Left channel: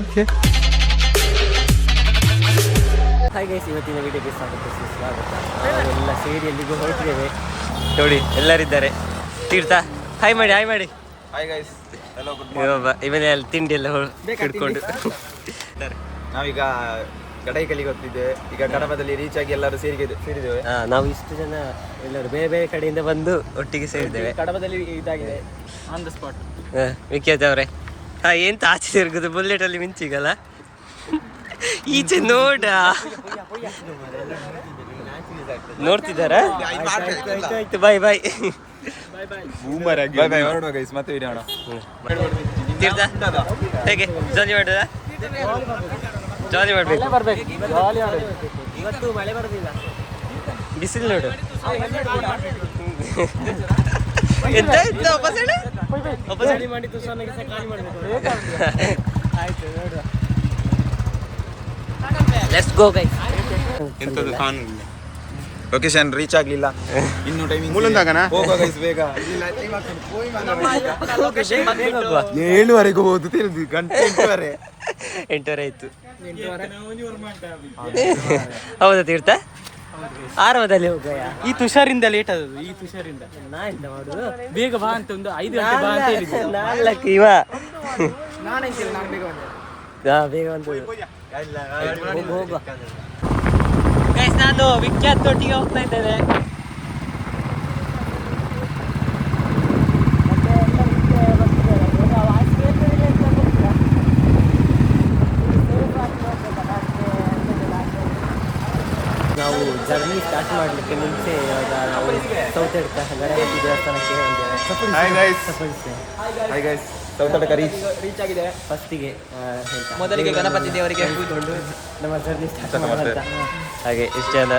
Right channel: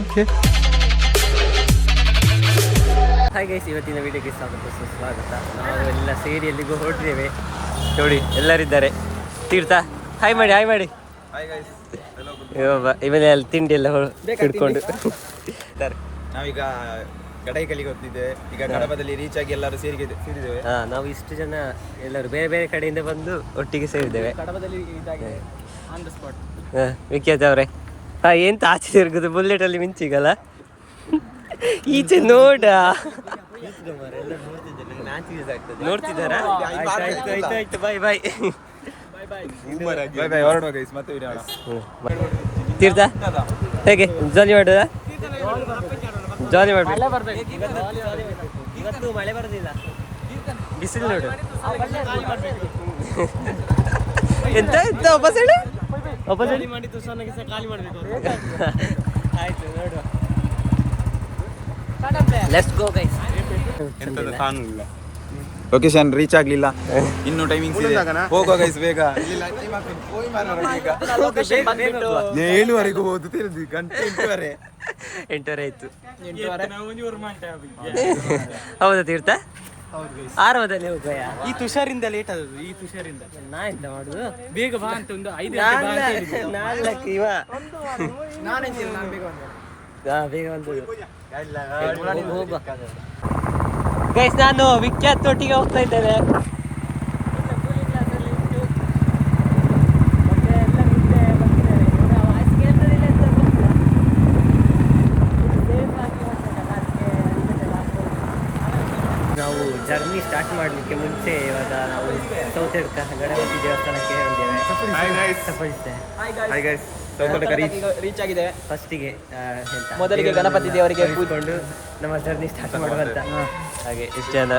Okay. Hi guys, ಇವತ್ತಿನ ವಿಡಿಯೋಗೆ ಸುಸ್ವಾಗತ. ನಾವು ಎಲ್ಲ ಸೇರಿ ಎಲ್ಲಿಗೂ ಹೊರಟಿದ್ದೇವೆ. ನೋಡಿ ಎಲ್ಲರಿದ್ದಾರೆ. ತೀರ್ಥ ಹಾಯ್ ಮಾಡಿ, ಹಾಯ್ ಮಾಡಿ. ಇವನೇ ಅಲ್ಲಿ ತಿಂಡಿ ಎಲ್ಲ ಹಿಡ್ಕೊಂಡು ನಾವೀಗ ಗಡೈಕಲ್ಲಿಗೆ ಹೋಗ್ತಿದ್ದೆ. ಈಗ ಕಡಬದಲ್ಲಿ ರೀಚ್ ಆಗಿ ಎಲ್ಲರೂ ಸೇರಿದ್ದೇವೆ. ನಾವು ಇಷ್ಟು ಜನ ಎಲ್ಲರೂ ಬೇರೆ ಬೇರೆ ಕಡೆಯಿಂದ ಬಂದು ಒಟ್ಟಿಗೆ ಸೇರಿದ್ದೇವೆ. ಕಡಬದಲ್ಲಿ ಇದಾಗಿದೆ ಆನ್ ದ ಸ್ಪಾಟ್. ವಿಖ್ಯಾತ ಅವರೇ, ಎಂತ ಆಚೆ ತಿರುಗುದು ಬುಲೆಟ್ ಅಲ್ಲಿ ಮಿಂಚಿಗಲ್ಲ. ಈಚೆ ನೋಡ ನೋಡ್ತಿದ್ದಾರಾ? ಆಯ್ತು ಬಾಯ್ ಬಾಯ್. ತೀರ್ಥ ಹೇಗೆ ಜಾಲಿ ಮಾಡುದ? ಜಾಲಿ ಮಾಡ್ಬೇಕು. ಇವತ್ತು ಮಳೆ ಬರುದಿಲ್ಲ, ಬಿಸಿಲು ನೋಡು. ಎಂತ ಎಂತ ವಾಪಸ್ ಹೇಳಿ ಮಾಡಿ ತುಸನಿಗೆ ಸಹ ಖಾಲಿ ಮಾಡಬೇಕು. ಆಯ್ತು ನೋಡುವ. Let's go guys. Location reach ಆಗ್ಲಿಲ್ಲ, ಇನ್ನು ಟೈಮಿಂಗ್ ಹೋಗೋ ಗೈಸ್ ಬೇಗ. 7:30 ಹೋಗುದು ತಿಳಿದು ಗಂಟೆ 8:30 ಆಯ್ತು. ಹೌದಾ ತೀರ್ಥ? ಆರಾಮದಲ್ಲಿ ಹೋಗಯ್ಯ. ಈ ತುಷಾರಿಂದ ಲೇಟ್ ಆದದ್ದು. ಈ ತುಷಾರಿಂದ ನಾ ಎಂತ ಮಾಡುದು? ಬೇಗ ಬಾ ಅಂತ ಒಂದು 5 ನಾಲ್ಕು ಇವ ನಾನಂತಿಲ್ಲ, ನಾನು ಬೇಗ ಬಂದೆ. ಬೇಗ ಬಂದದ್ದು. ಹೋಗುವ ಗೈಸ್. ನಾನು ವಿಖ್ಯಾತ್ ಒಟ್ಟಿಗೆ ಹೋಗ್ತಾ ಇದ್ದೇನೆ. ಮತ್ತೆ ಎಲ್ಲರೂ ಇಲ್ಲೇ ಬರ್ತಿದ್ದಾರೆ. ಇವಾಗ ವಾಯ್ಸ್ ಕೇಳ್ತದಿಲ್ಲ ಅಂತ ಗೊತ್ತಿಲ್ಲ. ಇಲ್ಲಿ ಸೇಫ್ ಆಗಿ ಹೋಗ್ಬೇಕಲ್ಲ, ಅದಕ್ಕೆ ನಾವು ಜರ್ನಿ ಸ್ಟಾರ್ಟ್ ಮಾಡಲಿಕ್ಕೆ ಮುಂಚೆ ಇವಾಗ ನಾವು ಸೌತೆಡ್ಕ ಗಣಪತಿ ದೇವಸ್ಥಾನಕ್ಕೆ ಬಂದೇವೆ. ಸೌತಡ್ಕ ರೀಚ್ ಆಗಿದೆ. ಫಸ್ಟಿಗೆ ಮೊದಲಿಗೆ ಗಣಪತಿ ದೇವರಿಗೆ ಕೂತ್ಕೊಂಡು ನಮ್ಮ ಜರ್ನಿ ಸ್ಟಾರ್ಟ್ ಮಾಡುವಂತ. ಹಾಗೆ ಇಷ್ಟು ಜನ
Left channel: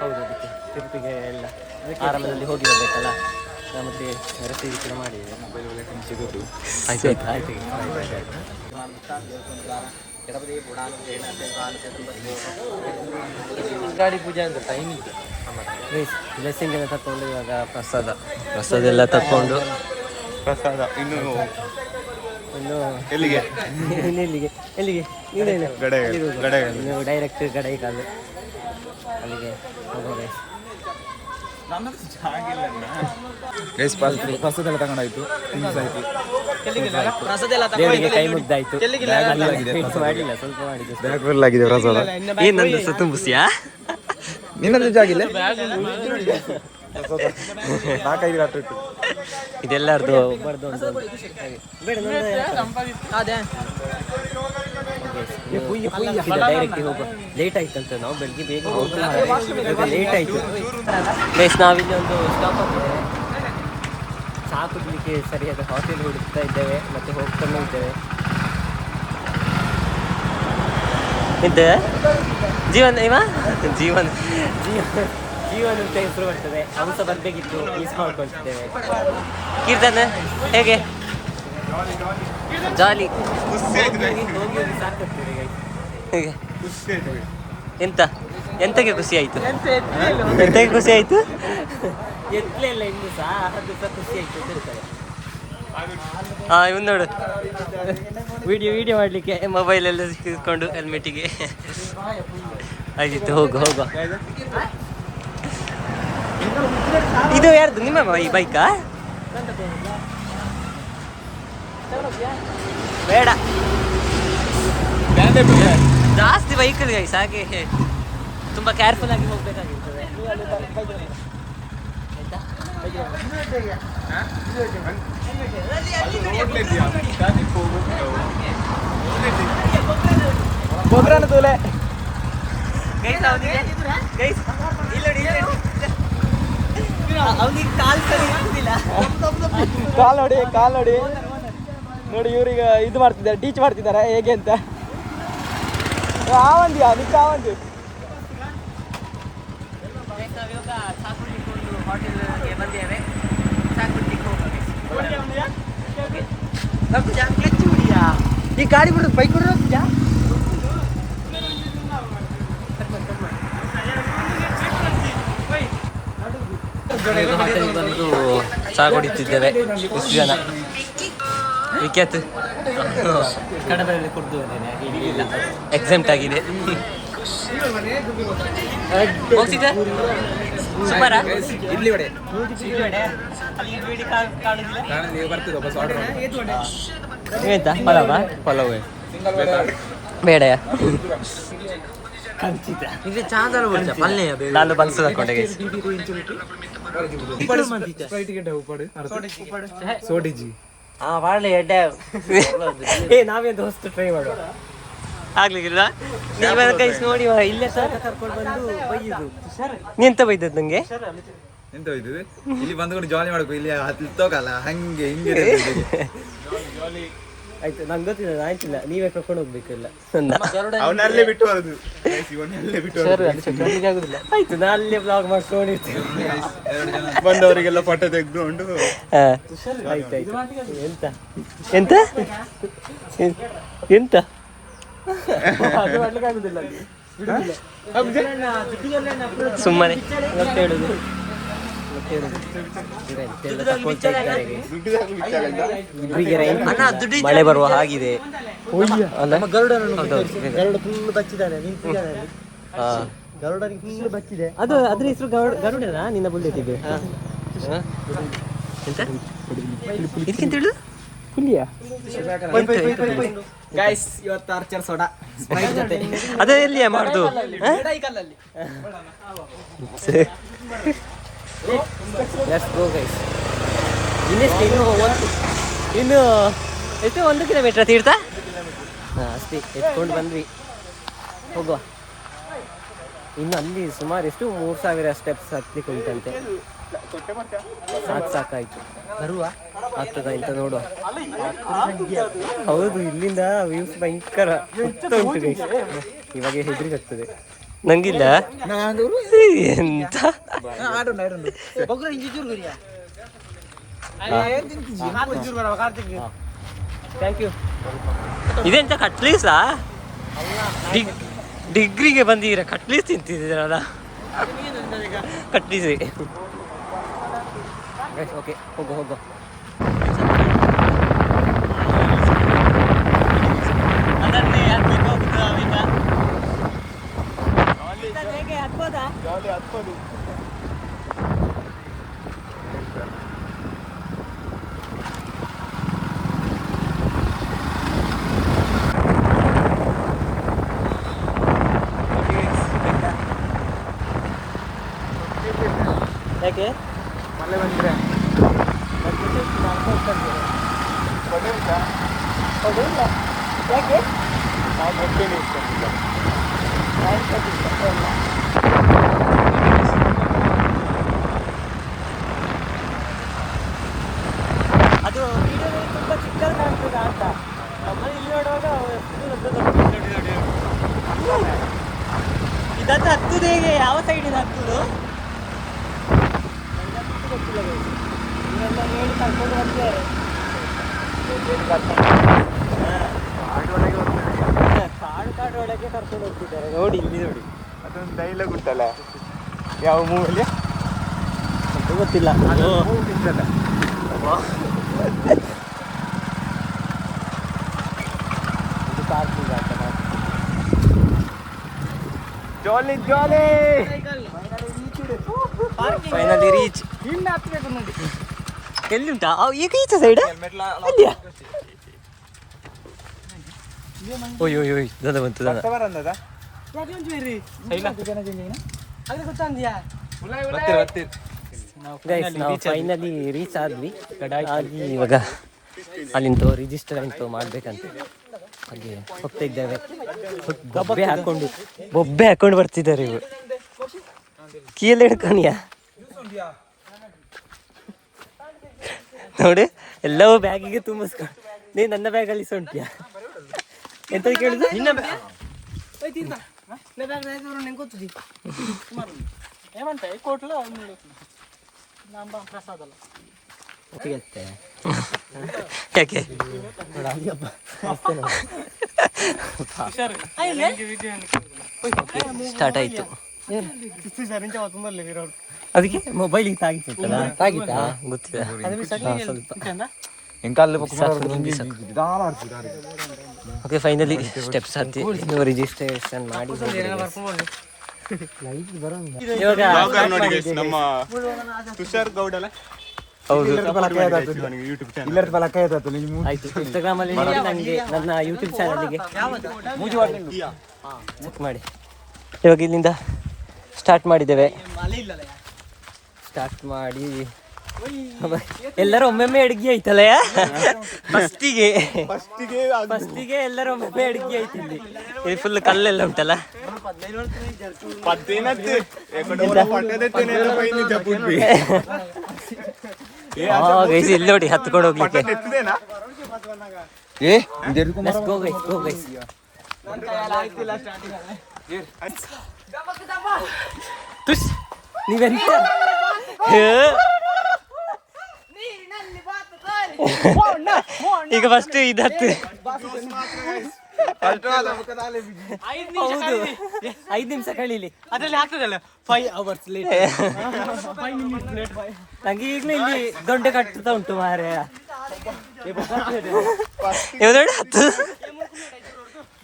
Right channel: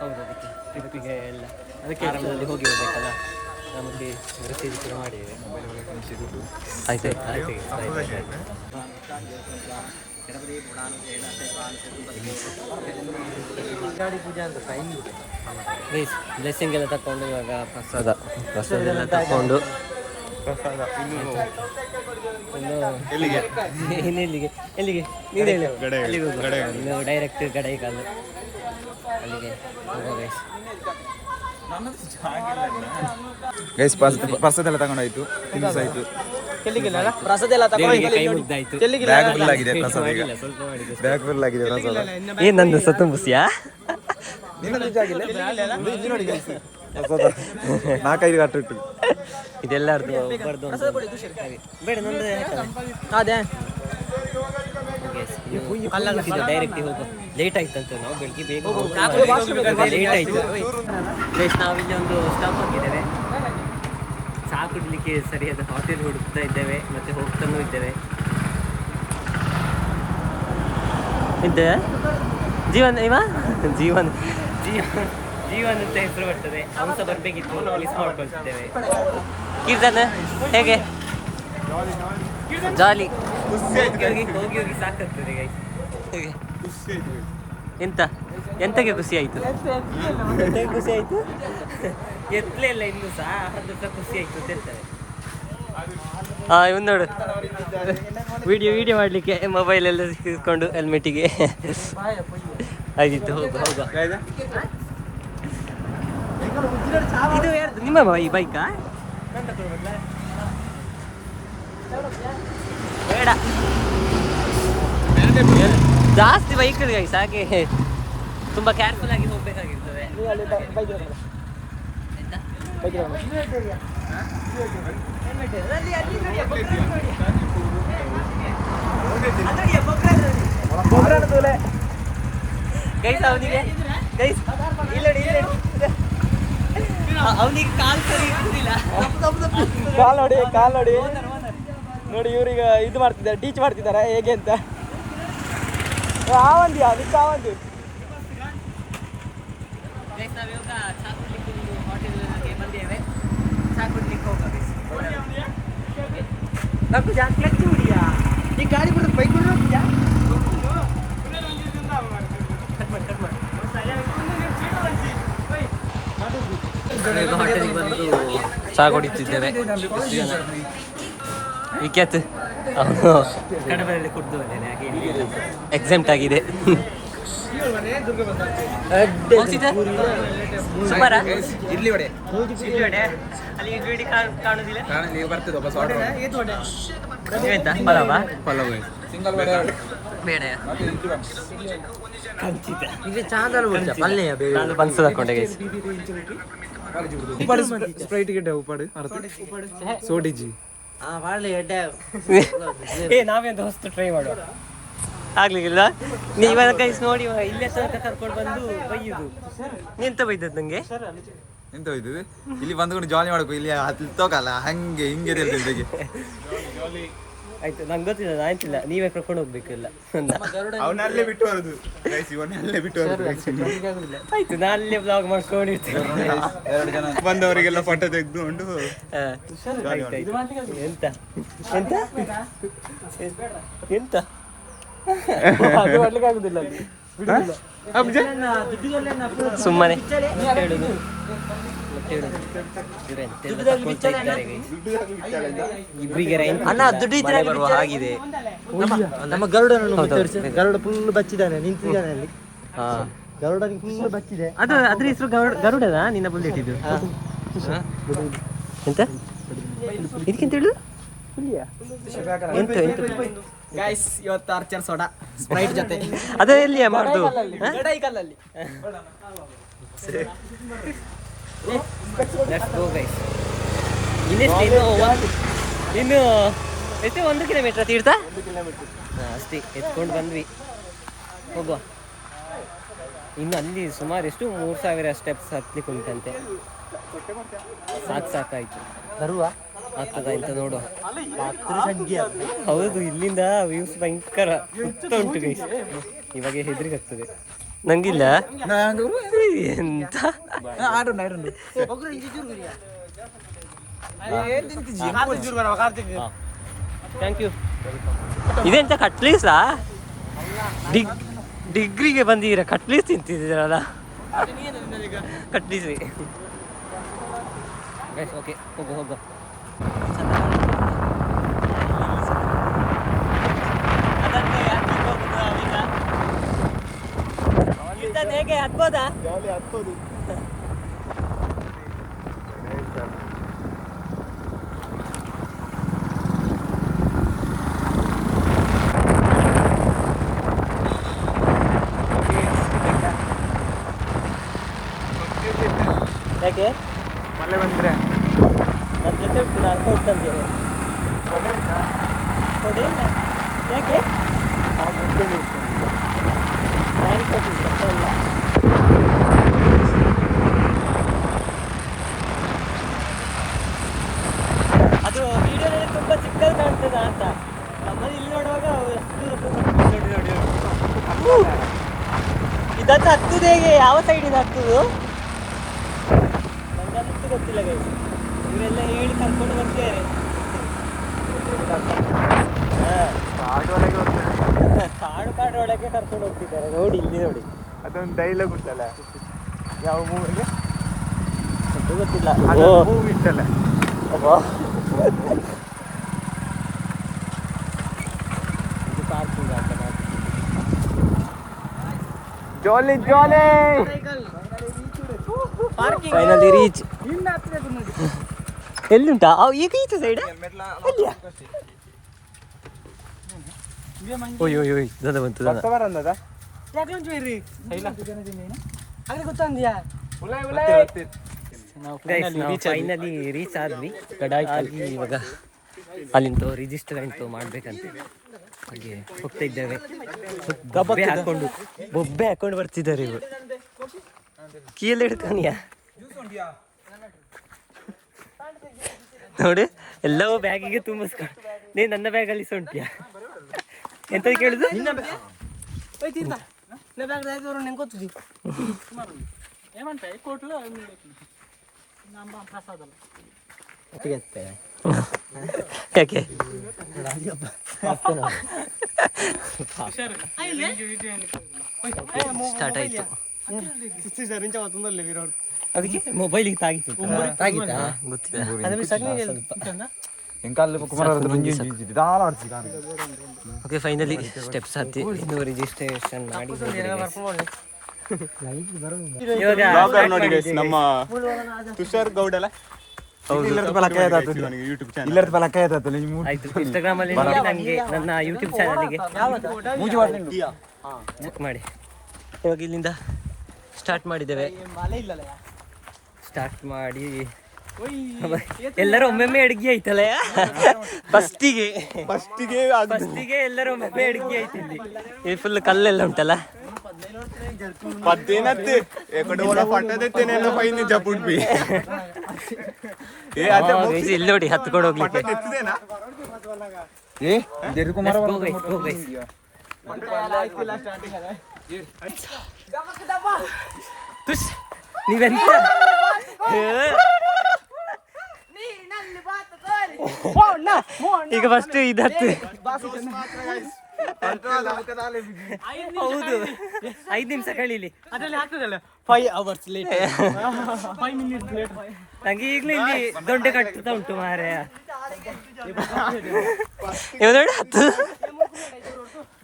ಹೌದು, ಅದಕ್ಕೆ ತಿರುಪಿಗೆ ಎಲ್ಲ ಆರಾಮದಲ್ಲಿ ಹೋಗಿ ಬರ್ಬೇಕಲ್ಲ. ಮತ್ತೆ ರಸೀದಿ ಕೂಡ ಮಾಡಿದ್ದೇವೆ. ಆಯ್ತು ಆಯ್ತು ಆಯ್ತು. ಗಾಡಿ ಪೂಜೆ ಅಂತ ಗೈಸ್. ಬ್ಲೆಸ್ಸಿಂಗ್ ಎಲ್ಲ ತಕೊಂಡು ಇವಾಗ ಪ್ರಸಾದ ಎಲ್ಲ ತಕೊಂಡು ಇನ್ನು ಎಲ್ಲಿಗೆ ನೀನು ಹೇಳು. ಇನ್ನು ಡೈರೆಕ್ಟ್ ಗಡೈಕಾಲು ಅಲ್ಲಿಗೆ ಹೋಗೋ ಗೈಸ್. ಪ್ರಸಾದೆಲ್ಲ ತಗೊಂಡಾಯ್ತು, ತಿನ್ಸಾಯ್ತು, ದೇವರಿಗೆ ಕೈ ಮುಗ್ದಾಯ್ತು. ಬ್ಯಾಗ್ ಫುಲ್ ಆಗಿದೆ. ಸ್ವಲ್ಪ ಮಾಡಿದ್ದು ಬ್ಯಾಗ್ ಫುಲ್ ಆಗಿದೆ ಪ್ರಸಾದ. ಏನ್ ನಂದು ಸತುಂಬುಸಿಯಾ? ನಿನ್ನದು ಜಾಗಿಲ್ಲ, 4-5 ಗಂಟೆ ಇಟ್ಟು ಇದೆಲ್ಲಾರ್ದು ಒಬ್ಬರದು ಒಂದು ಹಾಗೆ ಬೇಡ ನಂದು ಡೈರೆಕ್ಟ್ ಹೋಗೋ. ಲೇಟ್ ಆಯ್ತು ಅಂತ ನಾವು ಬೆಳಿಗ್ಗೆ ಬೇಗ ಹೋಗಿ ಮಾಡಿ ಇವಾಗ ಲೇಟ್ ಆಯ್ತು ಗೈಸ್. ನಾವಿಲ್ಲಿ ಒಂದು ಸ್ಟಾಪ್ ಆಗಿದ್ದೇವೆ. ಚಹಾ ಕುಡ್ಲಿಕ್ಕೆ ಸರಿಯಾದ ಹೋಟೆಲ್ ಹುಡುಕ್ತಾ ಇದ್ದೇವೆ, ಮತ್ತೆ ಹೋಗ್ತಾನೂ ಇದ್ದೇವೆ. ಇದ್ದೆ ಜೀವನ್ ಜೀವನ್ ಅಂತ ಹೆಸರು ಬರ್ತದೆ. ಹಂಸ ಬರ್ಬೇಕಿತ್ತು, ಮಿಸ್ ಮಾಡ್ಕೊಳ್ತಿದ್ದೇವೆ. ಕೀರ್ತನ ಹೇಗೆ? ಜಾಲಿ. ಹೋಗಿ ಸಾಕಾಗ್ತದೆ ಗೈಸ್. ಹೇಗೆ ಎಂತಕ್ಕೆ ಖುಷಿ ಆಯ್ತು? ಎಂತಕ್ಕೆ ಖುಷಿ ಆಯ್ತು? ಎತ್ತಲೇ ಇಲ್ಲ ಇನ್ನು ಸಹ, ಅದು ಸಹ ಖುಷಿ ಆಯ್ತು ಅಂತ ಹೇಳ್ತಾರೆ. ಇವನು ನೋಡು, ವಿಡಿಯೋ ಮಾಡಲಿಕ್ಕೆ ಮೊಬೈಲೆಲ್ಲ ಸಿಕ್ಕಿಸ್ಕೊಂಡು ಹೆಲ್ಮೆಟಿಗೆ. ಆಗಿತ್ತು, ಹೋಗುವ. ಇದು ಯಾರ್ದು? ನಿಮ್ಮ ಈ ಬೈಕಾ? ಬೇಡ, ಜಾಸ್ತಿ ಬೈಕಲ್ಲಿ ಗೈಸ್. ಹಾಗೆ ತುಂಬ ಕೇರ್ಫುಲ್ ಆಗಿ ಹೋಗ್ಬೇಕಾಗಿರ್ತದೆ. ಅವನಿಗೆ ಕಾಲ್ ಸರಿ ಇರುವುದಿಲ್ಲ. ಕಾಲ್ ನೋಡಿ ನೋಡಿ, ಇವ್ರೀಗ ಇದು ಮಾಡ್ತಿದ್ದಾರೆ, ಟೀಚ್ ಮಾಡ್ತಿದ್ದಾರೆ ಹೇಗೆ ಅಂತ. ಆವಂದಿಯಾ ನಿಕ್ಕ ಆವಂದಿ. ನಾವಿವಾಗ ಚಹಾ ಕುಡ್ಲಿಕ್ಕೆ ಒಂದು ಹೋಟೆಲ್ಗೆ ಬಂದೇವೆ. ಚಹಾ ಕುಡ್ಲಿಕ್ಕೆ ಹೋಗ್ಬೇಕು. ಕ್ಲಚ್ ಹೊಡಿಯಾ, ಈ ಗಾಡಿ ಬಿಡು, ಬೈಕ್ ಬಿಡು. ಹೋಟೆಲ್ಗೆ ಬಂದು ಚಹಾ ಕುಡಿತಿದ್ದೇವೆ. ವಿಖ್ಯಾತ್ ಕಡಬರಲ್ಲಿ ಕುಡ್ದುವನೇನೆ ಹಾಗೆ ಇಲ್ಲ ಎಕ್ಸಾಮ್ಟ್ ಆಗಿದೆ. ಸೂಪರಾ ಇಡ್ಲಿ ವಡೆ ಅಲ್ಲಿ ಇಡ್ಲಿ ಕಾಣುದಿಲ್ಲ. ಬರ್ತದೆ ವಾಪಸ್ ಆರ್ಡರ್ ನೀವೆಂತ ಪಲಾವ ಪಲಾವ್ ಬೇಡಯ ಖಂಡಿತ ಇದು ಚಾದಲು ಬಿಡ್ತ ಪಲ್ಯ ನಾನು ಬನ್ಸು ಹಾಕೊಂಡೆ ಸೋಡಿಜಿ ಏ ನಾವೇನು ಹೊಸ್ತು ಟ್ರೈ ಮಾಡುವ ಆಗ್ಲಿಕ್ಕಿಲ್ಲ. ನೀವ ಕೈಸ್ ನೋಡಿ ಇಲ್ಲೇ ತನಕ ಕರ್ಕೊಂಡು ಬಂದು ಬೈಯುದು. ನೀ ಎಂತ ಬೈದದ್ ನಂಗೆ? ಎಂತ ಹೋಯ್ತದೆ ಇಲ್ಲಿ ಬಂದ್ಕೊಂಡು ಜಾಲಿ ಮಾಡ್ಬೇಕು. ಇಲ್ಲಿ ಹತ್ತೋಕಲ್ಲ ಹಂಗೆ ಹಿಂಗೆ ಆಯ್ತು ನಂಗೆ ಗೊತ್ತಿಲ್ಲ, ಆಯ್ತಿಲ್ಲ ನೀವೇ ಕರ್ಕೊಂಡು ಹೋಗ್ಬೇಕಿಲ್ಲ ಅವನಲ್ಲೇ ಬಿಟ್ಟು ಬರೋದು ಇವನಲ್ಲೇ ಬಿಟ್ಟು ಆಯ್ತು ನಾ ಅಲ್ಲೇ ಬ್ಲಾಗ್ ಮಾಡ್ಕೊಂಡಿರ್ತೇನೆ. ಬಂದವರಿಗೆಲ್ಲ ಫೋಟೋ ತೆಗೆದುಕೊಂಡು ಆಯ್ತಾಯ್ತು. ಎಂತ ಎಂತ ಎಂತ ಸುಮ್ಮನೆ ಹೇಳುದು ಇಬ್ಬರಿಗೆ ಮಳೆ ಬರುವ ಹಾಗಿದೆ. ಅದು ಅದ್ರ ಹೆಸರು ಗರುಡನಾ ನಿನ್ನ ಬುಲ್ಲೆಟ್ ಇದು? ಎಂತ ಇದಕ್ಕೆಂತ ಹೇಳುದು? ಎಂತ ಗೈಸ್ ಇವತ್ತು ಆರ್ಚರ್ ಸೋಡಾ ಸ್ಪ್ರೈಟ್ ಜೊತೆ ಅದೇ ಎಲ್ಲಿಯಾ ಮಾಡುದು? Let's go guys. ಇನ್ನೆಷ್ಟು ಇನ್ನು ಎಷ್ಟು 1 ಕಿಲೋಮೀಟರ್ ತೀರ್ಥ ಅಷ್ಟೇ ಎತ್ಕೊಂಡು ಬಂದ್ವಿ. ಹೋಗುವ. ಇನ್ನು ಅಲ್ಲಿ ಸುಮಾರು ಎಷ್ಟು 3000 ಸ್ಟೆಪ್ಸ್ ಹತ್ಲಿಕ್ಕೆ ಉಂಟಂತೆ. ಸಾಕಾಯ್ತು. ಬರುವ ಆಗ್ತದ ಅಂತ ನೋಡುವ. ಹೌದು ಇಲ್ಲಿಂದ ವ್ಯೂಸ್ ಭಯಂಕರ ಉಂಟು ಗೈಸ್. ಇವಾಗ ಹೆದರಿಕೆ ಆಗ್ತದೆ ನಂಗಿಲ್ಲ ಎಂತ. Thank you. ಇದೆಂತ ಕಟ್ಲೀಸಾ? ಡಿಗ್ರಿಗೆ ಬಂದಿದ್ದೀರಾ ಕಟ್ಲೀಸ್ ತಿಂತಿದ್ದೀರಲ್ಲ? ಕಟ್ಲೀಸಿ ಓಕೆ ಹೋಗು. ಅದನ್ನೇ ಹತ್ಲಿಕ್ಕೆ ಹೋಗುದು ನಾವೀಗ. ಹೇಗೆ ಹತ್ಬೋದಾ? ಯಾಕೆ ಯಾಕೆ ಅದು ವಿಡಿಯೋದಲ್ಲಿ ತುಂಬ ಚಿಕ್ಕದು ಕಾಣ್ತದೆ ಅಂತ. ನಮ್ಮಲ್ಲಿ ಇಲ್ಲಿ ನೋಡುವಾಗ ಇದನ್ನು ಹತ್ತಿದೆ ಹೇಗೆ? ಯಾವ ಸೈಡಿಂದ ಹತ್ತುದು ನನಗೆ ಗೊತ್ತಿಲ್ಲ. ಇವರೆಲ್ಲ ಹೇಳಿ ಕರ್ಕೊಂಡು ಬರ್ತಿದ್ದಾರೆ. ಕಾಡು ಒಳಗೆ ಕರ್ಕೊಂಡು ಹೋಗ್ತಿದ್ದಾರೆ. ನೋಡಿ ಇಲ್ಲಿ ನೋಡಿ, ಅದೊಂದು ಡೈಲಾಗ್ ಉಂಟಲ್ಲ, ಯಾವ ಮೂವಿಯಲ್ಲಿ ಅಂತ ಗೊತ್ತಿಲ್ಲ. ಓ ಇದು ಪಾರ್ಕಿಂಗ್ ಅಂತ ಫೈನಲಿ ರೀಚ್. ಎಲ್ಲಿಂಟಾ ಈಗ ಈಚ ಸೈಡ್? ಅಲ್ಲಿಯಾ? ಓಯ್ ದನ ಬಂತು ದನ. ಗೈಸ್ ನಾವು ಫೈನಲಿ ರೀಚ್ ಆದ್ವಿ. ಹಾಗೆ ಇವಾಗ ಅಲ್ಲಿಂದ ರಿಜಿಸ್ಟರ್ ಅಂತೂ ಮಾಡ್ಬೇಕಂತ ಹಾಗೆ ಹೋಗ್ತಾ ಇದ್ದೇವೆ. ಬೊಬ್ಬೆ ಹಾಕೊಂಡು ಬರ್ತಿದ್ದಾರೆ ಇವರು. ಕೀಲ್ ಹಿಡ್ಕಣಿಯ ನೋಡಿ ಎಲ್ಲವೂ ಬ್ಯಾಗಿಗೆ ತುಂಬಿಸ್ಕೊಂಡು. ನೀನು ನನ್ನ ಬ್ಯಾಗಲ್ಲಿ ಸೊಂಟಿಯಾ ಎಂತ ಕೇಳುದು? ಯಾಕೆ ಸ್ಟಾರ್ಟ್ ಆಯ್ತು. ಅದಕ್ಕೆ ಮೊಬೈಲಿಗೆ ತಾಗಿತ್ತಾ ಗೊತ್ತಿಲ್ಲ ಸ್ವಲ್ಪ ಓಕೆ ಫೈನಲಿ ಸ್ಟೆಪ್ಸ್ ಹತ್ತಿ ಇನ್ನು ರಿಜಿಸ್ಟ್ರೇಷನ್ ಮಾಡಿ ಹೌದು ಆಯ್ತು ಇನ್ಸ್ಟಾಗ್ರಾಮ್ ಅಲ್ಲಿ ನೋಡಿ ನನಗೆ ನನ್ನ ಯೂಟ್ಯೂಬ್ ಚಾನಲ್ಗೆ ಚೆಕ್ ಮಾಡಿ. ಇವಾಗ ಇಲ್ಲಿಂದ ಸ್ಟಾರ್ಟ್ ಮಾಡಿದ್ದೇವೆ. ಸ್ಟಾರ್ಟ್ ಮಾಡಿ ಎಲ್ಲರೂ ಒಮ್ಮೊಮ್ಮೆ ಅಡುಗೆ ಐತಲ್ಲ ಫಸ್ಟಿಗೆ ಎಲ್ಲರೂ ಒಮ್ಮೊಮ್ಮೆ ಅಡುಗೆ ಐತಿ ಇಲ್ಲಿ. ಇದು ಫುಲ್ ಕಲ್ಲೆಲ್ಲ ಉಂಟಲ್ಲ. ಇಲ್ಲಿ ನೋಡಿ ಹತ್ಕೊಂಡು ಹೋಗ್ಲಿಕ್ಕೆ. ನೀವೆಂತ ಈಗ ಫಸ್ಟ್ ಇದತ್ತು ಹೌದು 5 ನಿಮಿಷ ಕಳೀಲಿ ಅದ್ರಲ್ಲಿ ಹಾಕ್ತದಲ್ಲ 5 hours ಲೇಟ್ ನಂಗೆ ಈಗಲೂ ಇಲ್ಲಿ ದೊಡ್ಡ ಕಟ್ಟುತ್ತಾ ಉಂಟು ಮಾರೆ. ನೋಡಿ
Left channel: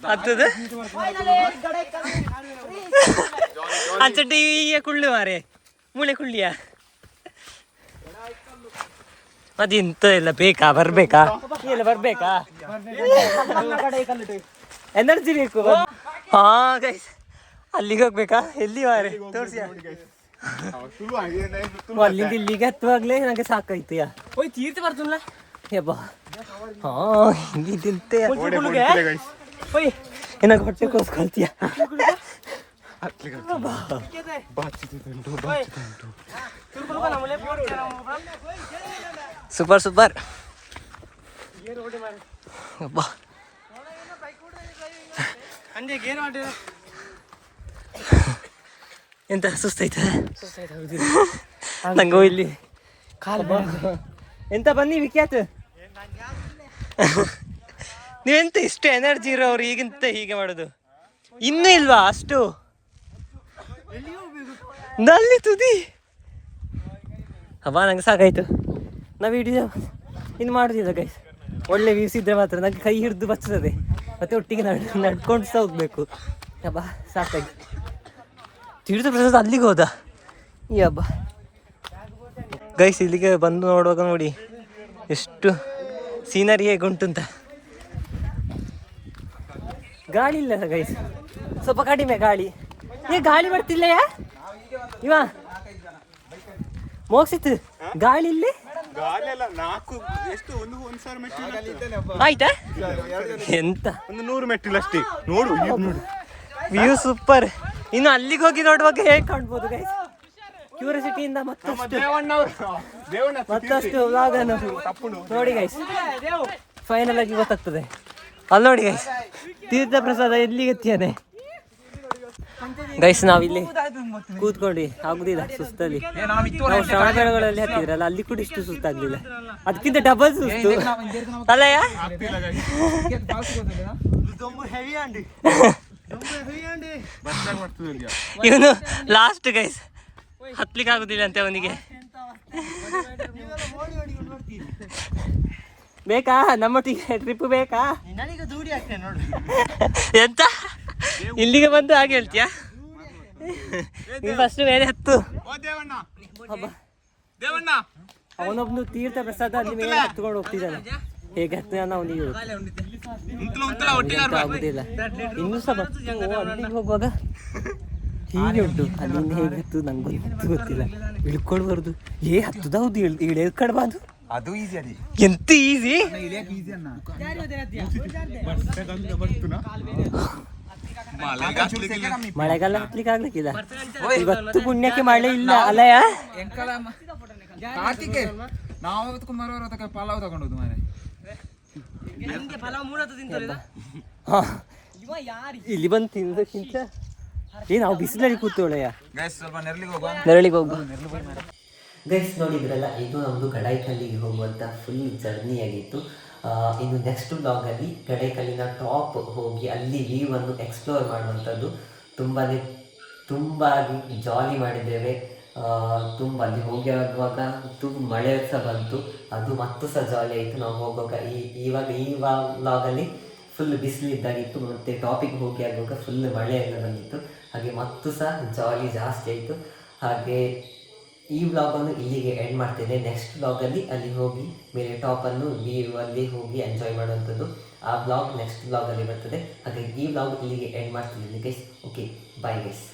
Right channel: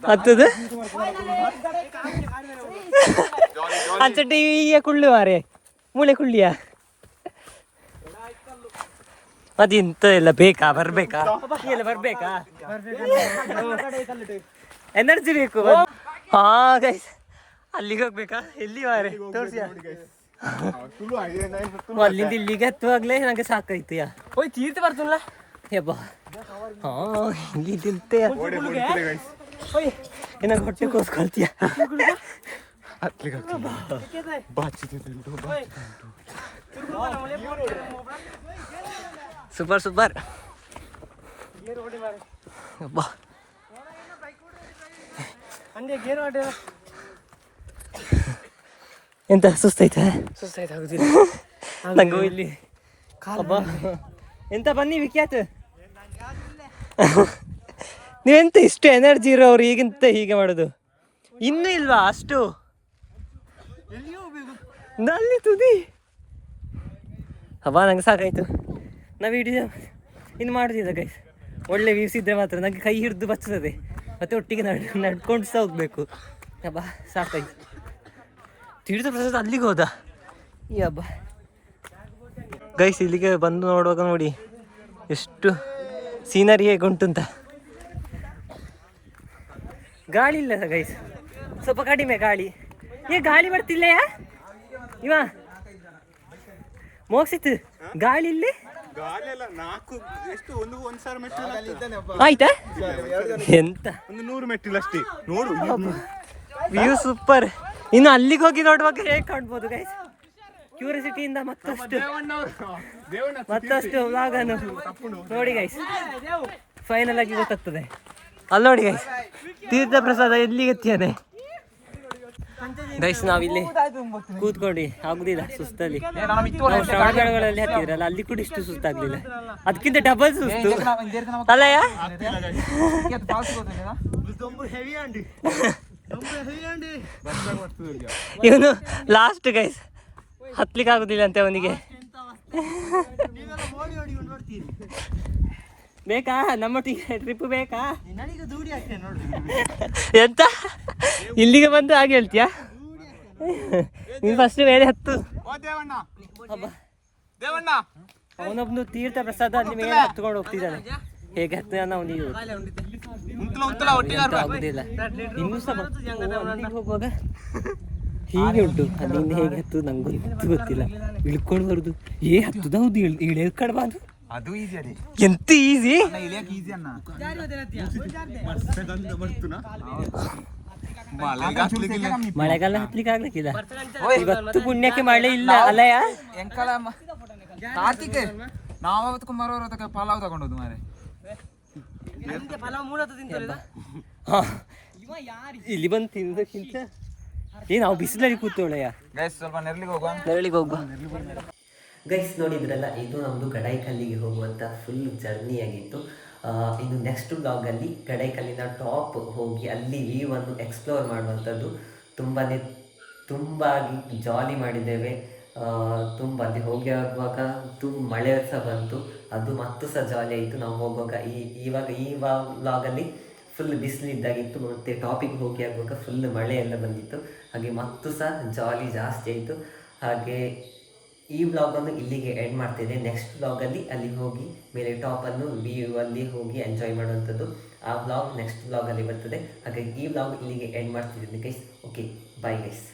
ಹತ್ತದು ಅಂಚಟ್ಟಿ ಕುಳ್ಳು ಮಾರೆ ಮೂಳೆ ಕುಳ್ಳಿಯ ಅದೆಂತ ಎಲ್ಲ ಬೇಕಾ ಬರ್ಬೇಕಾ ಎಲ್ಲ ಬರ್ಬೇಕಾ ಎನರ್ಜಿ ಬೇಕು. ಹಾ ಗೈಸ್ ಅಲ್ಲಿಗೆ ಹೋಗ್ಬೇಕಾ ಎಲ್ಲಿ ಮಾರೆ ತೋರ್ಸಿ. ಅಲ್ಲಿಂದ ಇಲ್ಲಿಗೆ ಹತ್ತುವಾಗ್ಲೇ ನಂಗೆ ಸಾಕಾಯ್ತು. ಹೋಯ್ ತೀರ್ಥ ಬರ್ತಿಲ್ಲ ಯಬ್ಬಾ. ಹಾ ಇಲ್ಲಿ ತಿಂತೆ ಏನಾಗ ಹೊಟ್ಟೆ ಕೋಸ್ಕೊಳ್ತೀಯ. ಸೂಪರ್ ಸೂಪರ್ ಅಬ್ಬಾ. ಎಂತ ಸುಸ್ತಾಯ್ತಾ? ನಂಗೂ ಇಲ್ಲಿ ಎಂತ ಬನ್ನಿ ವಿಖ್ಯಾತ. ನೀವೆಂತ ಇಷ್ಟು ಎನರ್ಜಿ ಇರೋರು ಈಗಿಂತ ಹೀಗೆ ಮಾಡೋದು ಇನ್ನೂ ಇಲ್ವಾ ಅಷ್ಟು? ನಲ್ಲಿ ತುದಿ ಹಬ್ಬ ನಂಗೆ ಸಾಕಾಯ್ತು. ನಾ ವಿಡಿಯೋ ಇನ್ನು ಮಾಡೋದಿಲ್ಲ ಗೈಸ್. ಒಳ್ಳೆ ವ್ಯೂಸ್ ಇದ್ದರೆ ಮಾತ್ರ ನನಗೆ ಕೈ ಹಿಡಿದು ಬರ್ತದೆ, ಮತ್ತೆ ಒಟ್ಟಿಗೆ ನಡ್ಕೊಂಡು ಸಹ ಹೋಗ್ಬೇಕು. ಹಬ್ಬ ಸಾಕಾಯ್ತು. ತೀರ್ಥ ಪ್ರಸಾದ ಅಲ್ಲಿಗೆ ಹೋದ ಈ ಹಬ್ಬ ಗೈಸ್. ಇಲ್ಲಿಗೆ ಬಂದು ನೋಡುವಾಗ ನೋಡಿ ಎಷ್ಟು ಸೀನರಿ ಹೇಗೆ ಉಂಟು ಅಂತ. ಗಾಳಿ ಇಲ್ಲ ಗೈಸ್, ಸ್ವಲ್ಪ ಕಡಿಮೆ ಗಾಳಿ. ಗಾಳಿ ಬರ್ತಿಲ್ಲಯ್ಯ ಇವ ಮೋಕ್ಷಿತ್ ಗಾಳಿ ಇಲ್ಲಿ ಆಯ್ತಾ? ಎಂತ 100 ಮೆಟ್ಟಿಲಷ್ಟೇ ನೋಡು. View super. ಇನ್ನು ಅಲ್ಲಿಗೆ ಹೋಗಿ ನೋಡುವಾಗ ಹೇಗೆ ಕಾಣ್ಬೋದು ಗೈಸ್. ಕ್ಯೂರಿಯಾಸಿಟಿಯಿಂದ ಮತ್ತಷ್ಟು ವ್ಲಾಗ್ ಅನ್ನು ನೋಡಿ ಗೈಸ್. ಫೈನಲ್ ಆಗಿ ಗೊತ್ತಾಗ್ತದೆ. ಅಲ್ಲಿ ನೋಡಿ ಗೈಸ್ ತೀರ್ಥ ಪ್ರಸಾದ ಎಲ್ಲಿಗೆ ಎತ್ತಿಯಾನೆ ಗೈಸ್. ನಾವಿಲ್ಲಿ ಕೂತ್ಕೊಂಡು ಆಗುದಿಲ್ಲ ಸುಸ್ತಲ್ಲಿ. ನಾವು ಶ್ರವಣ ಬೆಳಗೊಳಲ್ಲಿ ಹತ್ತಿದ್ರಲ್ಲ ಅಲ್ಲಿ ಕೂಡ ಇಷ್ಟು ಸುಸ್ತಾಗ್ಲಿಲ್ಲ, ಅದಕ್ಕಿಂತ ಡಬಲ್ ಸುಸ್ತು ಅಲ್ಲಯ್ಯ. ಇವನು ಲಾಸ್ಟ್ ಗೈಸ್ ಹತ್ಲಿಕ್ಕೆ ಆಗುದಿಲ್ಲ ಅಂತೆ ಅವನಿಗೆ. ಬೇಕಾ ನಮ್ಮೊಟ್ಟಿಗೆ ಟ್ರಿಪ್ ಬೇಕಾ? ಎಂತ ಇಲ್ಲಿಗೆ ಬಂದು ಹಾಗೆ ಹೇಳ್ತೀಯಾ? ನೀನು ಫಸ್ಟ್ ಮೇಲೆ ಹತ್ತು. ಅವನೊಬ್ನು ತೀರ್ಥ ಪ್ರಸಾದ ಅಲ್ಲಿ ಮೇಲೆ ಹತ್ಕೊಂಡು ಹೋಗ್ತಿದ್ದಾನೆ. ಹೇಗೆ ಹತ್ತಾನ ಅವನಿಗೆ ಎಂತ ಆಗುದಿಲ್ಲ. ಇನ್ನೂ ಸಹ ಅಲ್ಲಿಗೆ ಹೋಗುವಾಗ ಹೀಗೆ ಉಂಟು. ಅಲ್ಲಿಂದ ಹೇಗೆ ಹತ್ತು ನಂಗಂತೂ ಗೊತ್ತಿಲ್ಲ. ಇಳ್ಕೊಂಡು ಬರುದು ಹತ್ತದ ಹೌದು ಇಳ್ಕಡ್ಬಾರ್ದು. ಅದು ಈಸಿ ಅದೇ. ಎಂತ ಈಸಿ? ಮಳೆಗಾಲ ಹತ್ಲಿಕ್ಕೆ ಆಗ್ಲಿಕ್ಕಿಲ್ಲ. ಇವತ್ತು ಪುಣ್ಯಕ್ಕೆ ಮಳೆ ಇಲ್ಲ ಅಲ್ಲಯ್ಯ. ಕಾರ್ತಿಕ್ ನಾವತ್ತು ಮರೋರ ಪಲಾವ್ ತಗೊಂಡೋದು ಮಾರೆ. ಇಲ್ಲಿ ಬಂದು ತಿನ್ನೋದಕ್ಕಿಂತ ನಾವು ಬಿಸಿಲಲ್ಲಿ ಕೂತೋಳಯ್ಯ. ನೆರಳಿಗೆ ಹೋಗುವ ಗೈಸ್. ನೋಡಿದ್ರಲ್ಲ, ಇದು ನಮ್ಮದು ಗಡಾಯಿಕಲ್ಲಿಗೆ ಹೋಗುವಂಥ ಫುಲ್ ಜರ್ನಿ ಆಗಿತ್ತು. ಇನ್ನು ನೆಕ್ಸ್ಟ್ ಬ್ಲಾಗಲ್ಲಿ ಗಡಾಯಿಕಲ್ಲಿನ ಟಾಪ್ ಹೋಗಿ ಅಲ್ಲಿ ವ್ಯೂವನ್ನು ಎಕ್ಸ್ಪ್ಲೋರ್ ಮಾಡುವಂಥದ್ದು. ತುಂಬಾಗಿ ಜಾಲಿ ಮಾಡಿದ್ದೇವೆ. ತುಂಬ ಅಲ್ಲಿ ಹೋಗಿ ಆಗುವಾಗ ತುಂಬ ಮಳೆ ಸಹ ಬಂತು, ಅದು ಮತ್ತು ಸಹ ಜಾಲಿ ಆಯಿತು. ನಾವು ಹೋಗುವಾಗ ಇವಾಗ ಈ ವ್ಲಾಗಲ್ಲಿ ಫುಲ್ ಬಿಸಿಲಿದ್ದಾಗಿತ್ತು, ಮತ್ತು ಟಾಪಿಗೆ ಹೋಗಿ ಆಗುವಾಗ ಫುಲ್ ಮಳೆ ಎಲ್ಲ ಬಂದಿತ್ತು. ಹಾಗೆ ಮತ್ತು ಸಹ ಜಾಲಿ ಜಾಸ್ತಿ ಆಯಿತು. ಹಾಗೆ ಈ ವ್ಲಾಗನ್ನು ಇಲ್ಲಿಗೆ ಎಂಡ್ ಮಾಡ್ತೇನೆ. ನೆಕ್ಸ್ಟ್ ವ್ಲಾಗಲ್ಲಿ ಅಲ್ಲಿ ಹೋಗಿ ಮೇಲೆ ಟಾಪನ್ನು ವ್ಯೂ ಅಲ್ಲಿ ಹೋಗಿ ಎಂಜಾಯ್ ಮಾಡುವಂಥದ್ದು, ಆ ವ್ಲಾಗ್ ನೆಕ್ಸ್ಟ್ ವ್ಲಾಗಲ್ಲಿ ಬರ್ತದೆ. ಹಾಗೆ ಈ ವ್ಲಾಗ್ ಇಲ್ಲಿಗೆ ಎಂಡ್ ಮಾಡ್ತಿದ್ದೀನಿ ಗೈಸ್. Okay, bye guys.